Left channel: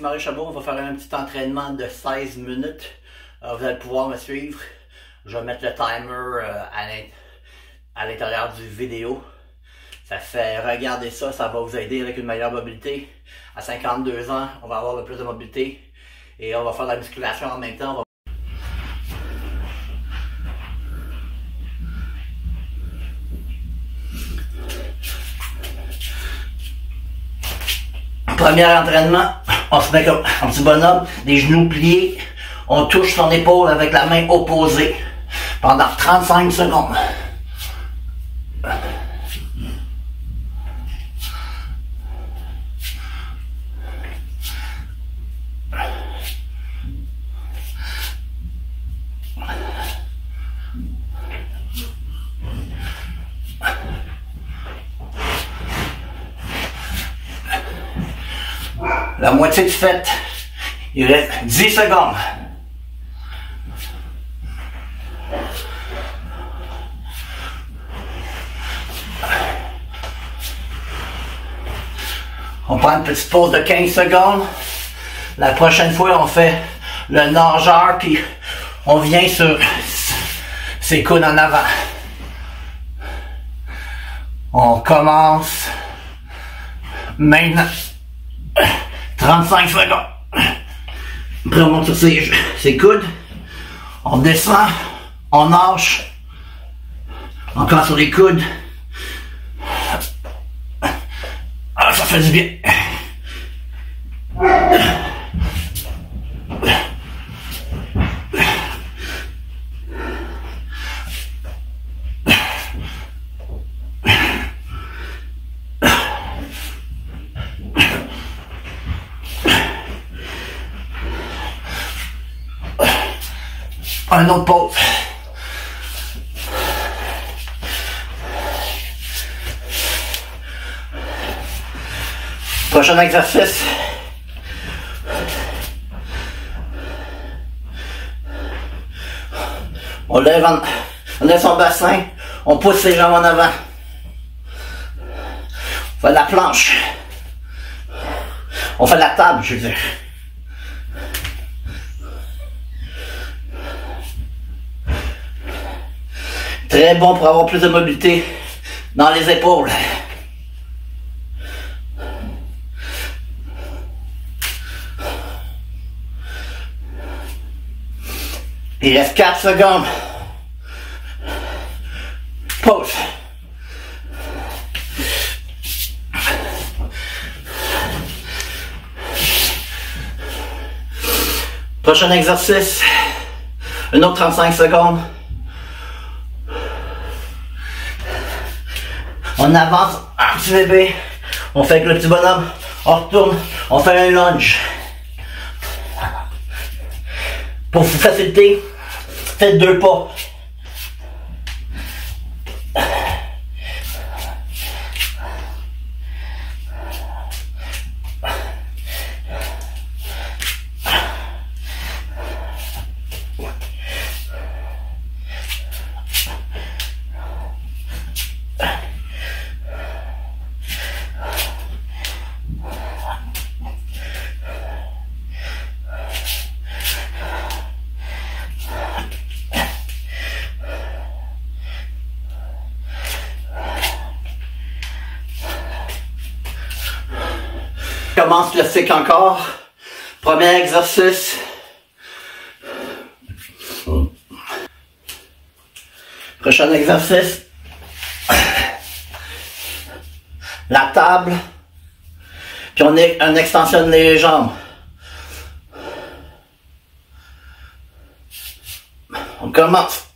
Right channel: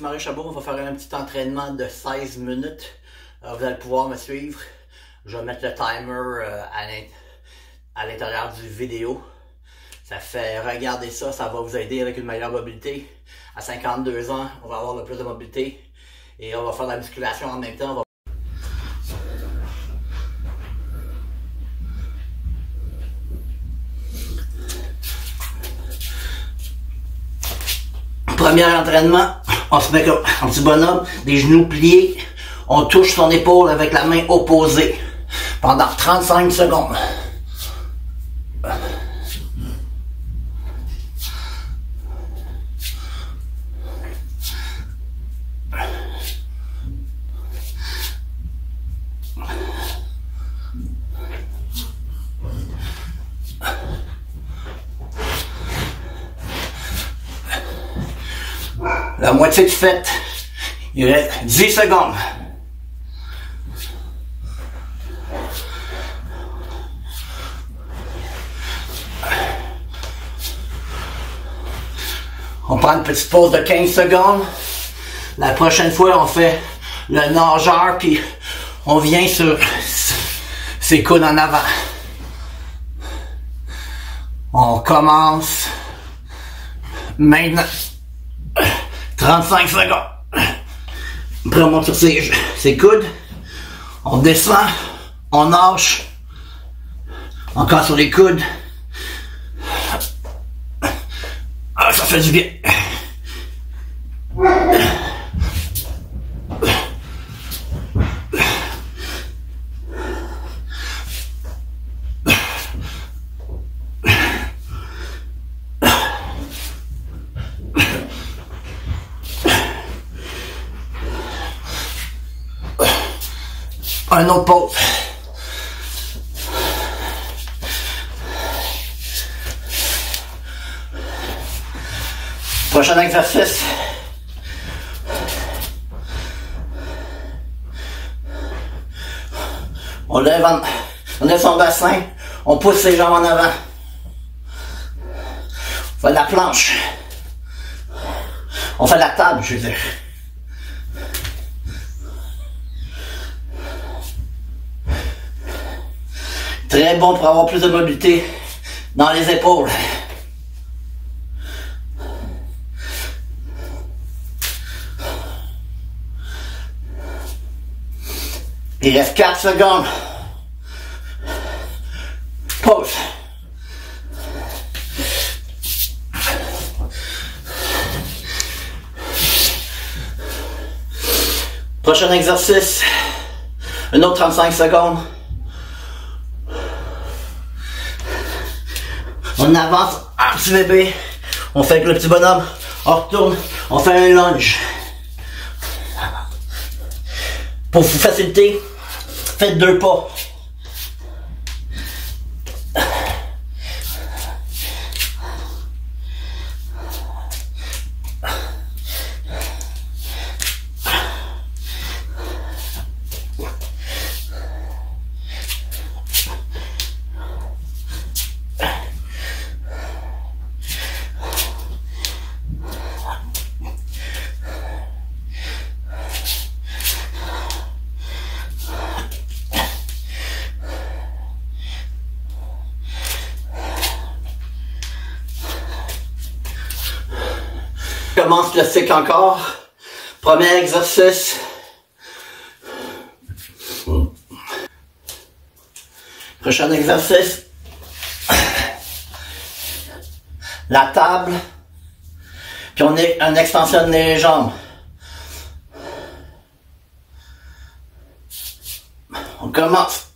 Marie Chabot, on va faire un petit entraînement de 16 minutes. Vous allez pouvoir me suivre. Je vais mettre le timer à l'intérieur du vidéo. Ça fait regarder ça, ça va vous aider avec une meilleure mobilité. À 52 ans, on va avoir plus de mobilité et on va faire de la musculation en même temps. Premier entraînement, on se met comme un petit bonhomme, des genoux pliés, on touche son épaule avec la main opposée pendant 35 secondes. La moitié de fait, il reste 10 secondes. On prend une petite pause de 15 secondes. La prochaine fois, on fait le nageur, puis on vient sur ses coudes en avant. On commence maintenant. 35 secondes. Après, on monte sur ses coudes. On descend. On nage. Encore sur les coudes. Ah, ça fait du bien. Un autre pause. Prochain exercice. On lève son bassin, on pousse ses jambes en avant. On fait la planche. On fait la table, je veux dire. Très bon pour avoir plus de mobilité dans les épaules. Il reste 4 secondes. Pause. Prochain exercice. Un autre 35 secondes. On avance un petit bébé. On fait avec le petit bonhomme. On retourne. On fait un lunge. Pour vous faciliter, faites 2 pas. Commence classique encore. Premier exercice. Prochain exercice. La table. Puis on extensionne les jambes. On commence.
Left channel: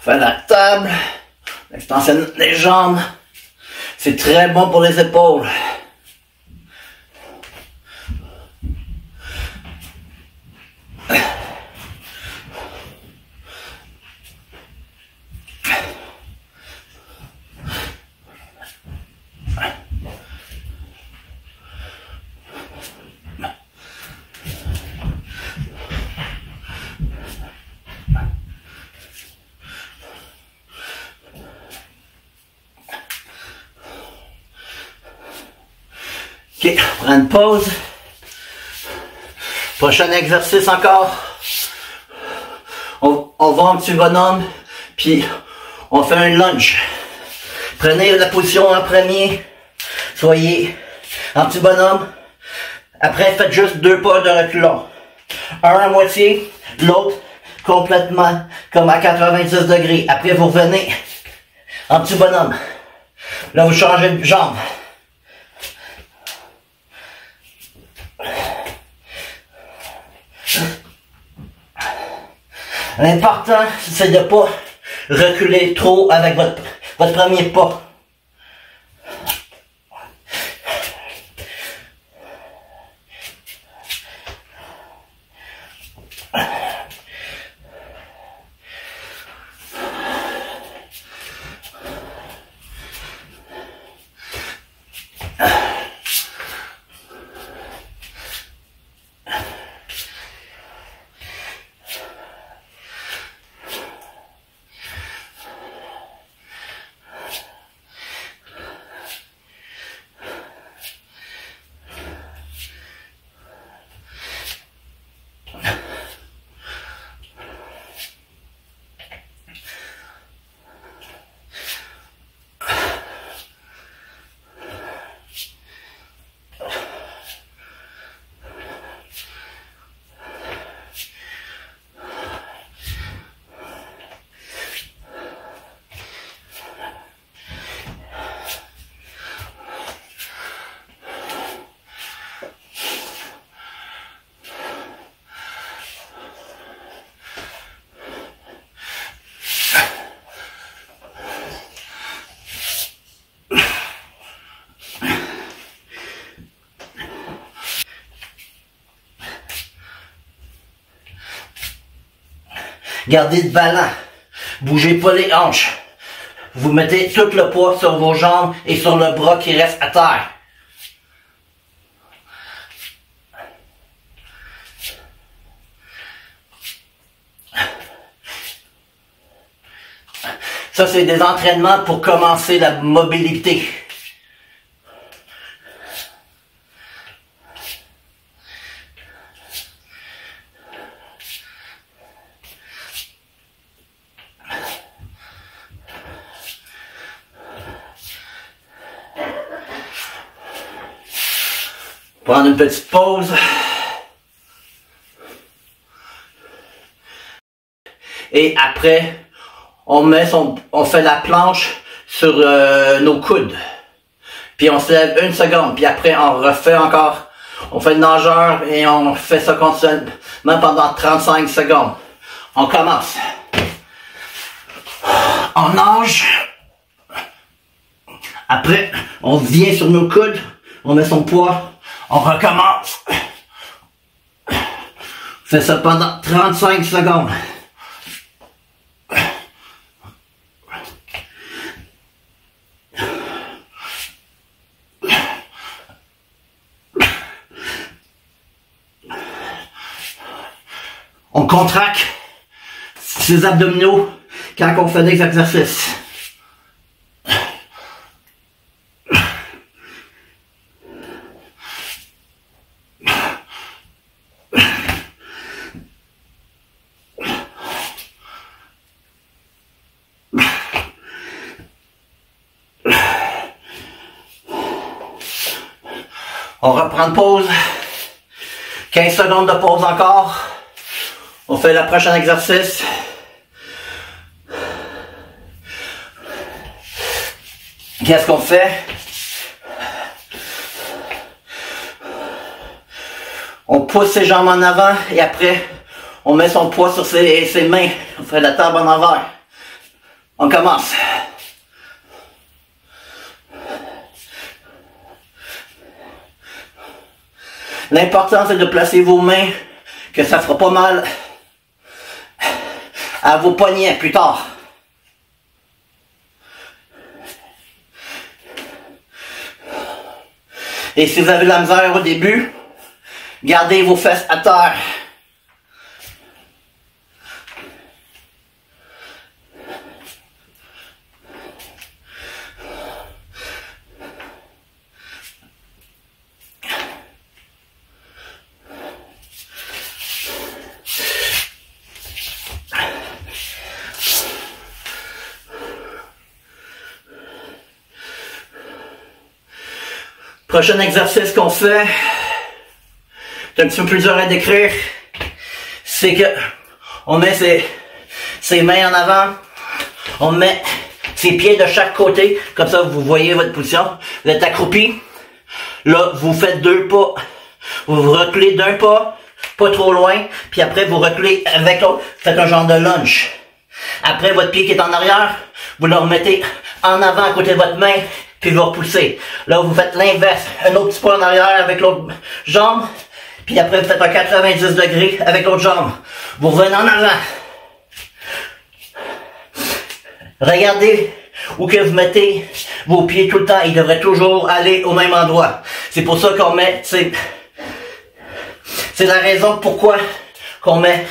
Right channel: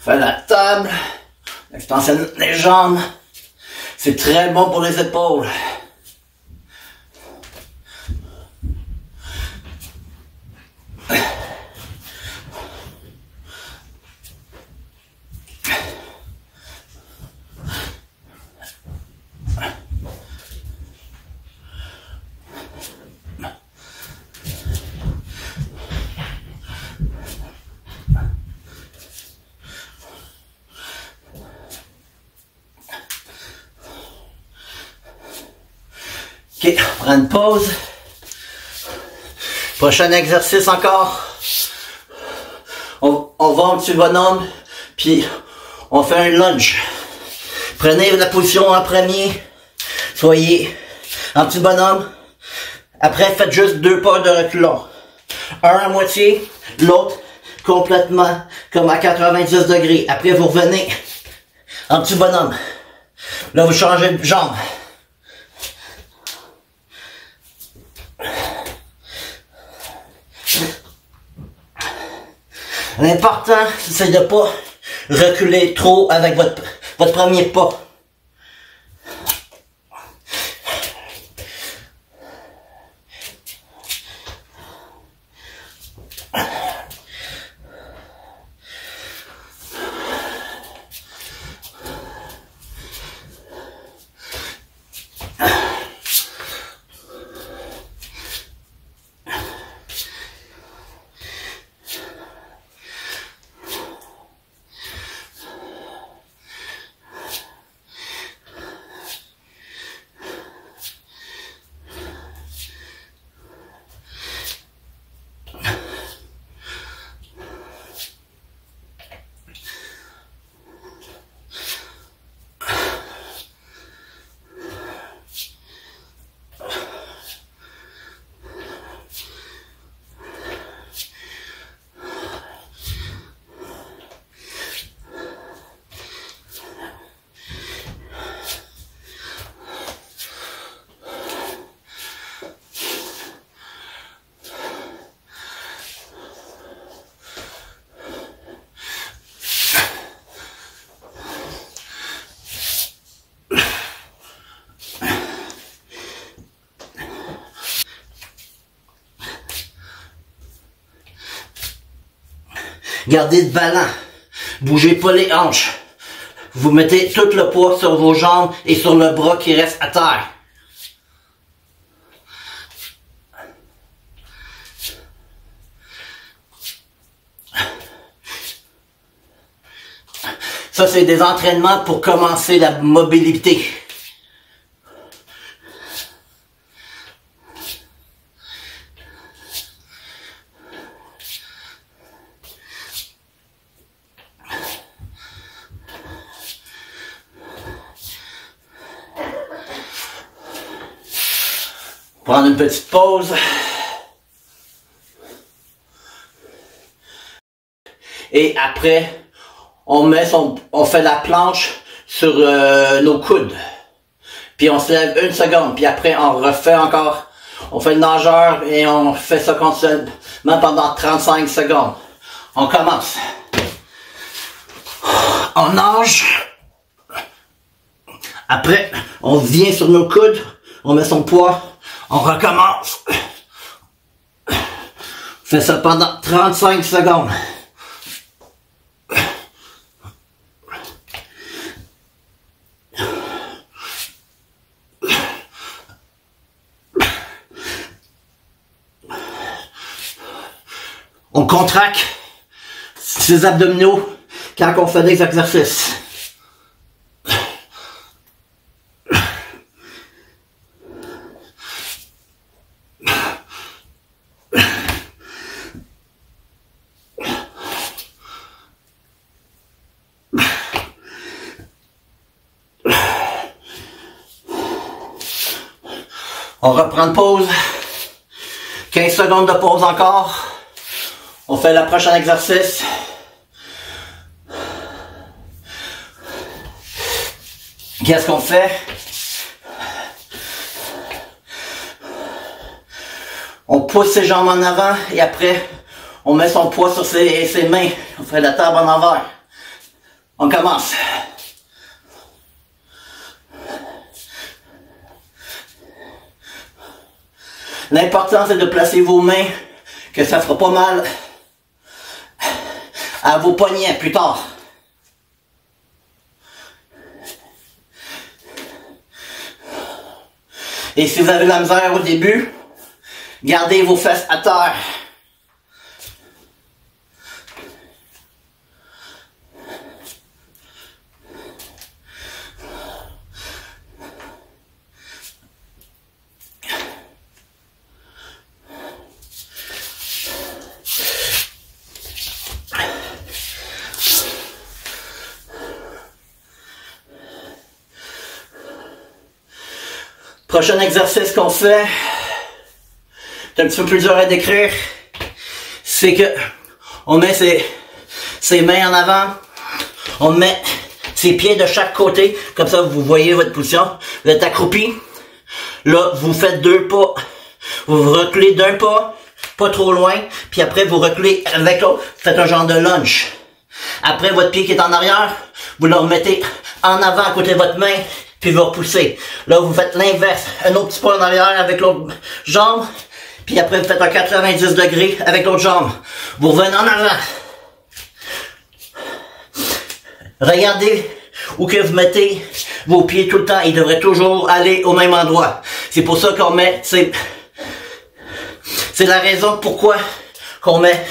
Faire la table. On extensionne les jambes. C'est très bon pour les épaules. Ok, on prend une pause. Prochain exercice encore. On va un petit bonhomme, puis on fait un lunge. Prenez la position en premier. Soyez en petit bonhomme. Après, faites juste 2 pas de reculons. Un à moitié, l'autre complètement comme à 90 degrés. Après, vous revenez en petit bonhomme. Là, vous changez de jambe. L'important, c'est de ne pas reculer trop avec votre premier pas. Gardez le ballon. Bougez pas les hanches. Vous mettez tout le poids sur vos jambes et sur le bras qui reste à terre. Ça, c'est des entraînements pour commencer la mobilité. Prendre une petite pause. Et après, on fait la planche sur nos coudes. Puis on se lève 1 seconde. Puis après, on refait encore. On fait le nageur et on fait ça continuellement pendant 35 secondes. On commence. On nage. Après, on vient sur nos coudes. On met son poids. On recommence. On fait ça pendant 35 secondes. On contracte ses abdominaux quand on fait des exercices. On reprend une pause. 15 secondes de pause encore. On fait le prochain exercice. Qu'est-ce qu'on fait? On pousse ses jambes en avant et après, on met son poids sur ses mains. On fait la table en envers. On commence. L'important, c'est de placer vos mains, que ça ne fera pas mal à vos poignets plus tard. Et si vous avez de la misère au début, gardez vos fesses à terre. Prochain exercice qu'on fait, c'est un petit peu plus dur à décrire, c'est que on met ses mains en avant, on met ses pieds de chaque côté, comme ça vous voyez votre position, vous êtes accroupi, là vous faites 2 pas, vous reculez d'un pas, pas trop loin, puis après vous reculez avec l'autre, faites un genre de lunge. Après votre pied qui est en arrière, vous le remettez en avant à côté de votre main, puis vous repoussez. Là vous faites l'inverse, un autre petit pas en arrière avec l'autre jambe, puis après vous faites un 90 degrés avec l'autre jambe. Vous revenez en avant. Regardez où que vous mettez vos pieds tout le temps, ils devraient toujours aller au même endroit. C'est pour ça qu'on met, c'est la raison pourquoi qu'on met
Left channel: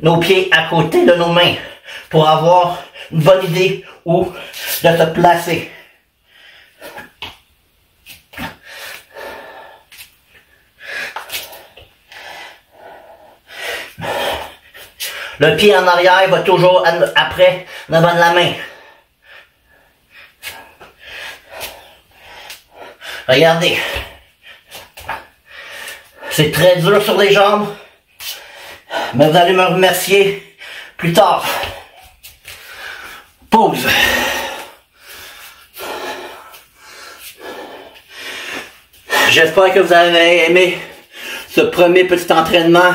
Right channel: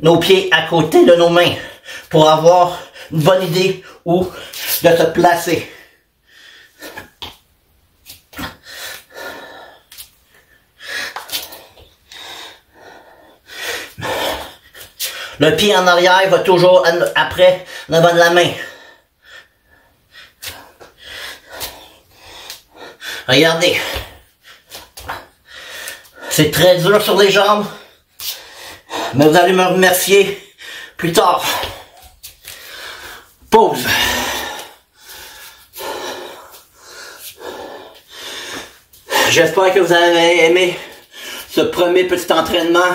nos pieds à côté de nos mains, pour avoir une bonne idée où de se placer. Le pied en arrière va toujours après devant la main. Regardez. C'est très dur sur les jambes, mais vous allez me remercier plus tard. Pause. J'espère que vous avez aimé ce premier petit entraînement.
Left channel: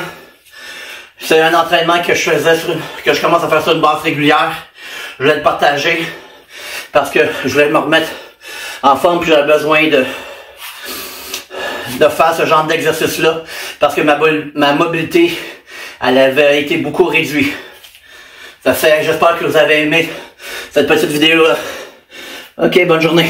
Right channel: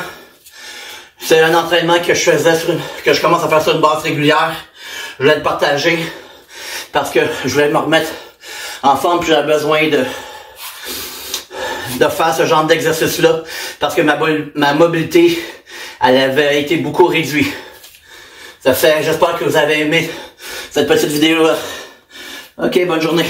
C'est un entraînement que je commence à faire sur une base régulière. Je voulais le partager parce que je voulais me remettre en forme, puis j'avais besoin de faire ce genre d'exercice-là parce que ma mobilité, elle avait été beaucoup réduite. J'espère que vous avez aimé cette petite vidéo-là. Ok, bonne journée.